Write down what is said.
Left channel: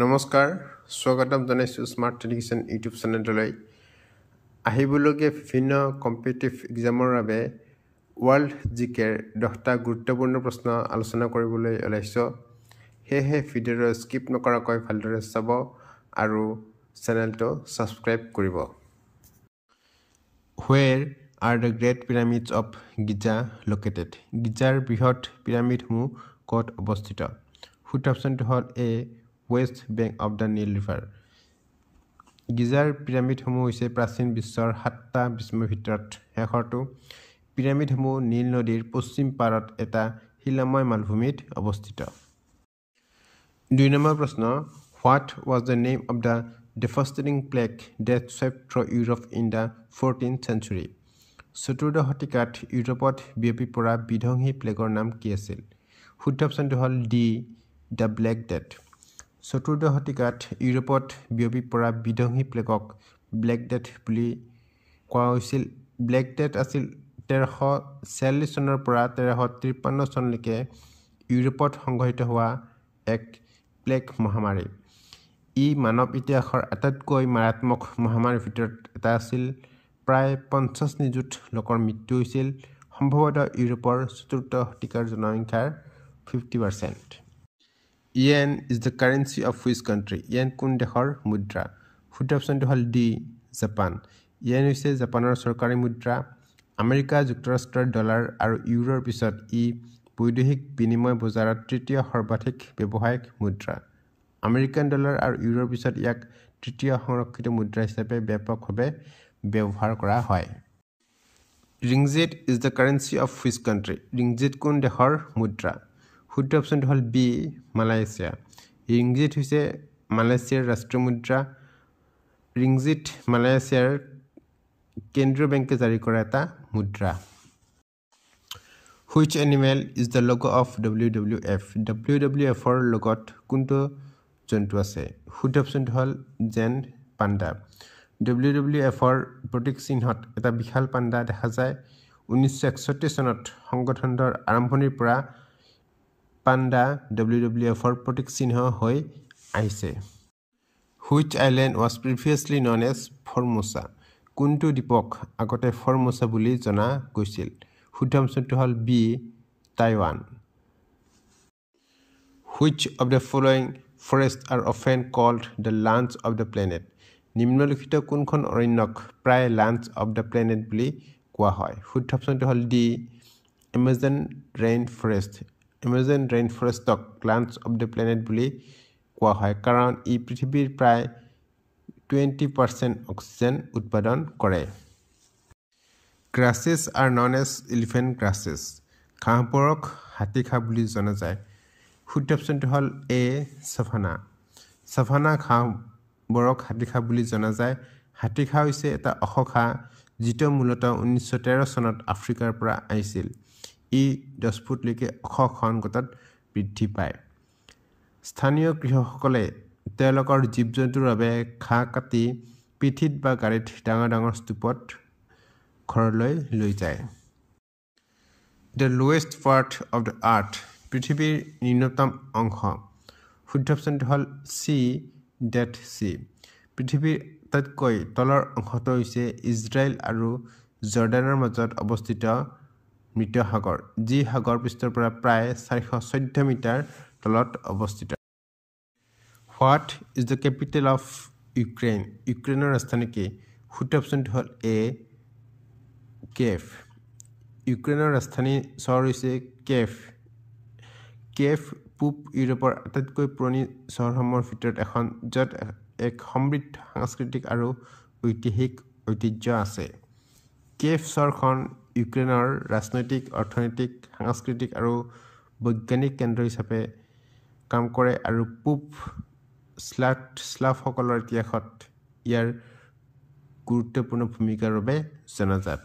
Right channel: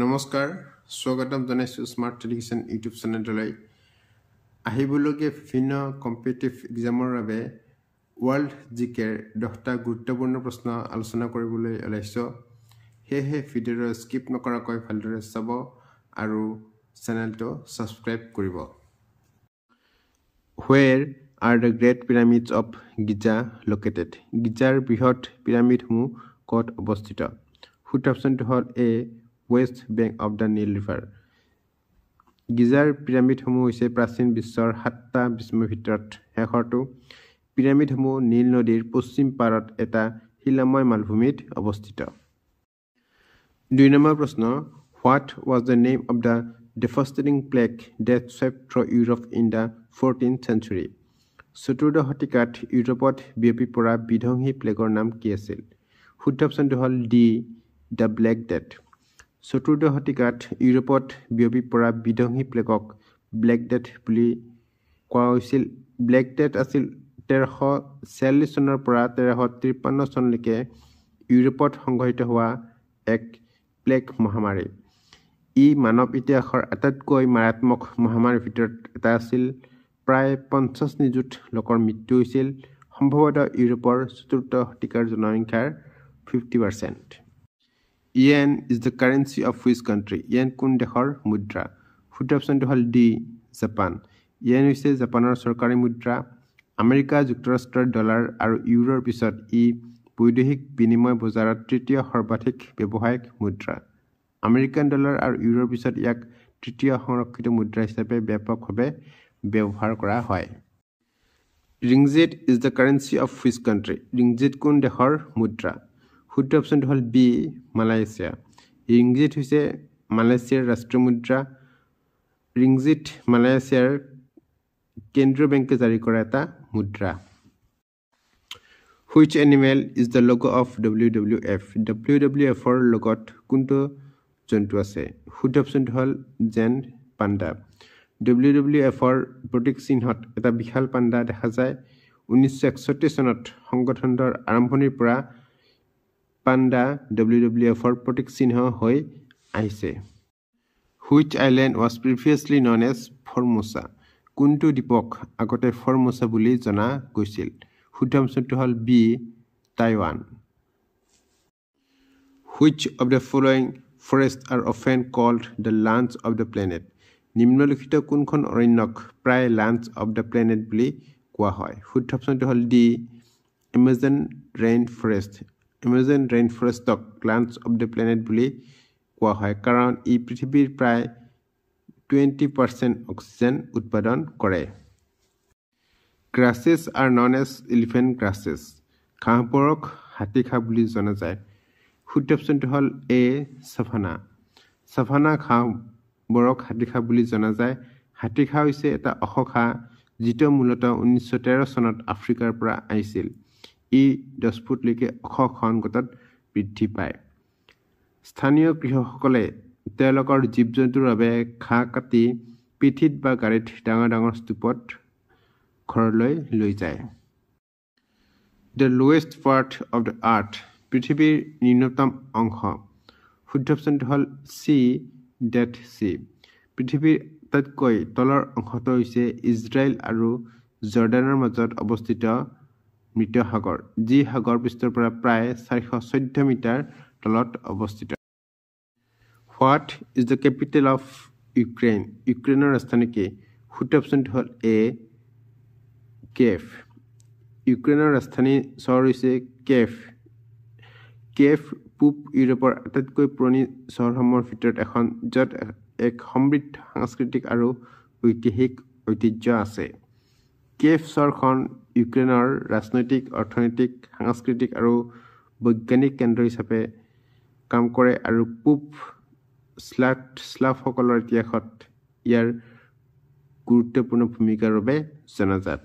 নমস্কাৰ স্বাগতম জনাইছো স্মাৰ্ট এডুকেশ্যন ইউটিউব চেনেললৈ আহিবলগীয়া বিভিন্ন কম্পিটিটিভ এক্সামৰ বাবে ৱৰ্ল্ড জিকেৰ 10টা গুৰুত্বপূৰ্ণ প্ৰশ্ন আলোচনা কৰিবলৈ ওলাইছো হেহে ভিডিঅ'টো স্কিপ নকৰাকৈ ভালদৰে চাব আৰু চেনেলটো সাবস্ক্ৰাইব কৰিব Where are the Great Pyramids of Giza located? Geyser বৃহৎ পিৰামিডসমূহ ক'ত অৱস্থিত? শুদ্ধ অপচনটো হ'ল A West Bank of the Nile River. গিজাৰ পিৰামিডসমূহ হৈছে প্ৰাচীন বিশ্বৰ 7টা বিস্ময়ৰ ভিতৰত শেষৰটো পিৰামিডসমূহ নীল নদীৰ পশ্চিম পাৰত এটা শিলাময় মালভূমিত অৱস্থিত 2 নম্বৰ প্ৰশ্ন What was the name of the devastating plague that swept through Europe in the 14th century? চতুৰ্দশ শতিকাত ইউৰোপত বিয়পি পৰা বিধ্বংসী প্লেগৰ নাম কি আছিল? শুদ্ধ অপচনটো হ'ল ডি দ্য ব্লেক ডেথ চতুৰ্দশ শতিকাত ইউৰোপত বিয়পি পৰা বিধ্বংসী প্লেগক ব্লেক ডেথ বুলি কোৱা হৈছিল ব্লেক ডেথ আছিল 1346 চনৰ পৰা 1353 চনলৈকে ইউৰোপত সংঘটিত হোৱা এক প্লেগ মহামাৰী ই মানৱ ইতিহাসৰ আটাইতকৈ মাৰাত্মক মহামাৰীৰ ভিতৰত এটা আছিল প্ৰায় 50 নিযুত লোকৰ মৃত্যু হৈছিল সম্ভৱতঃ ইউৰোপৰ চতুৰ্থ শতিকাৰ জনসংখ্যাৰ 50% Yen is the currency of which country? Yen কোন দেশৰ মুদ্ৰা? শুদ্ধ অপচনটো হ'ল ডি জাপান য়েন হৈছে জাপানৰ চৰকাৰী মুদ্ৰা আমেৰিকা যুক্তৰাষ্ট্ৰৰ ডলাৰ আৰু ইউৰোৰ পিছত ই বৈদেশিক বিনিময় বজাৰত তৃতীয় সৰ্বাধিক ব্যৱহাৰিক মুদ্ৰা আমেৰিকান ডলাৰ আৰু ইউৰোৰ পিছত ইয়াক তৃতীয় সংৰক্ষিত মুদ্ৰা হিচাপে ব্যাপকভাৱে ব্যৱহাৰ কৰা হয় ৰিংজিত is the currency of which country? ৰিংজিত কোন দেশৰ মুদ্ৰা শুদ্ধ অপচনটো হ'ল বি মালয়েছিয়া ৰিংজিত হৈছে মালয়েছিয়াৰ ৰাষ্ট্ৰীয় মুদ্ৰা ৰিংজিত মালয়েছিয়াৰ কেন্দ্ৰীয় বেংকে জাৰি কৰা এটা মুদ্ৰা Which animal is the logo of WWF? WWF ৰ লগত কোনটো জন্তু আছে শুদ্ধ অপচনটো হ'ল জেন পাণ্ডা WWF ৰ প্ৰতীক চিহ্নত এটা বিশাল পাণ্ডা দেখা যায় 1961 চনত সংগঠনটোৰ আৰম্ভণিৰ পৰা পাণ্ডা WWF ৰ প্ৰতীক চিহ্ন হৈ আহিছে Which island was previously known as Formosa? কোনটো দ্বীপক আগতে ফৰ্মোসা বুলি জনা গৈছিল শুদ্ধ অপচনটো হ'ল B Taiwan Which of the following forests are often called the lands of the planet? নিম্নলিখিত কোনখন অৰণ্যক প্ৰায় lands of the planet বুলি কোৱা হয় শুদ্ধ অপচনটো হ'ল D Amazon rainforest Amazon rainforestক lands of the planet বুলি কোৱা হয় কাৰণ ই পৃথিৱীৰ প্ৰায় 20% অক্সিজেন উৎপাদন কৰে Grasses are known as elephant grasses ঘাঁহবোৰক হাতী ঘাঁহ বুলি জনা যায় শুদ্ধ অপচনটো হ'ল এ সাভানা সাভানা ঘাঁহবোৰক হাতী ঘাঁহ বুলি জনা যায় হাতী ঘাঁহ হৈছে এটা ওখ ঘাঁহ যিটো মূলতঃ 1913 চনত আফ্ৰিকাৰ পৰা আহিছিল ই 10 ফুটলৈকে ওখ খনগতত বৃদ্ধি পায় স্থানীয় কৃষকসকলে তেওঁলোকৰ জীৱ-জন্তুৰ বাবে ঘাঁহ কাটি পিঠিত বা গাড়ীত ডাঙৰ স্তূপত ঘৰলৈ লৈ যায় The lowest part of the earth পৃথিৱীৰ নিম্নতম অংশ শুদ্ধ অপচনটো হ'ল চি ডেড চি পৃথিৱীৰ আটাইতকৈ তলৰ অংশটো হৈছে ইজৰাইল আৰু জৰ্ডানৰ মাজত অৱস্থিত মৃত সাগৰ যি সাগৰ পৃষ্ঠৰ পৰা প্ৰায় 414 মিটাৰ তলত অৱস্থিত What is the capital of Ukraine? ইউক্ৰেইনৰ ৰাজধানী কি শুদ্ধ অপচনটো হ'ল এ কেফ ইউক্ৰেইনৰ ৰাজধানী চহৰ হৈছে কেফ পূব ইউৰোপৰ আটাইতকৈ পুৰণি চহৰসমূহৰ ভিতৰত এখন য'ত এক সমৃদ্ধ সাংস্কৃতিক আৰু ঐতিহাসিক ঐতিহ্য আছে কেফ চহৰখন ইউক্ৰেইনৰ ৰাজনৈতিক অৰ্থনৈতিক সাংস্কৃতিক আৰু বৈজ্ঞানিক কেন্দ্ৰ হিচাপে কাম কৰে আৰু পূব স্লাভসকলৰ ইতিহাসত ইয়াৰ গুৰুত্বপূৰ্ণ ভূমিকাৰ বাবে জনাজাত